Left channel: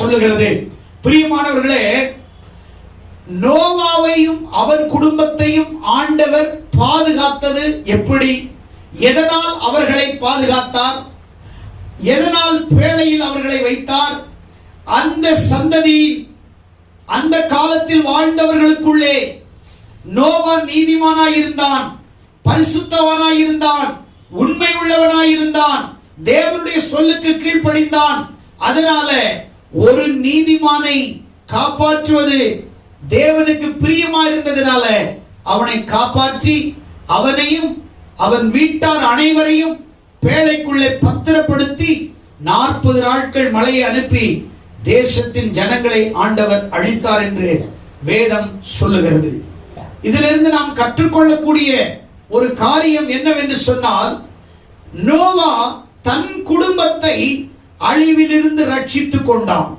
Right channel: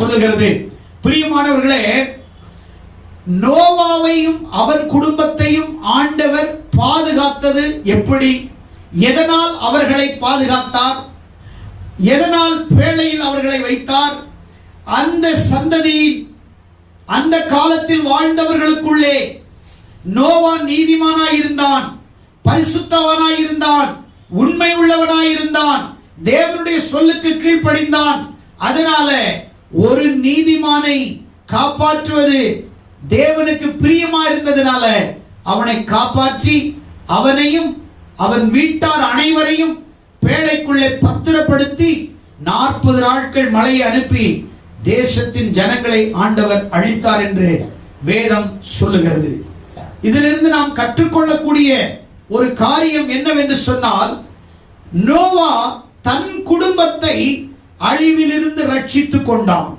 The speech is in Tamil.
சொல்லுகிறது. பிரியமானவர்களே, நோவாவையும் அவன் குடும்பத்தையும் ஆண்டவர் பாதுகாத்தது எப்படி? எதனால் அவர்களை பாதுகாத்தார்? எதனால் பேழையில் அவர்களை வைத்தார்? அந்த சந்ததியின் அந்த காலத்தில் வாழ்ந்தவர்களுக்குள்ளே நோவா நீதிமானாய் இருந்தான், பரிசுத்தவனாய் இருந்தான், உண்மை உள்ளவனாய் இருந்தான், தேவனுடைய சொல்லுக்கு கீழ்ப்படிந்தான். அதனால ஒரு நீதிமானை காப்பாற்றுவது தேவனுக்கு பிரியமா இருந்ததுனால அவனை காப்பாற்றி அவனையும் அவன் வீட்டார் அனைவரையும் பேழைக்குள்ளே பத்திரப்படுத்தி 40 நாட்கள் மழையை அனுப்பி தேசத்தின் ஜனங்களை ஆண்டவர் அழித்தார் என்று வேதம் சொல்லுகிறது. இதிலிருந்து நாம் கற்றுக்கொள்ளக்கூடிய ஒரு காரியம் என்னவென்று சொன்னால், நோவா தன் குடும்பத்தை அழிவிலிருந்து ரட்சித்துக் கொண்டான்.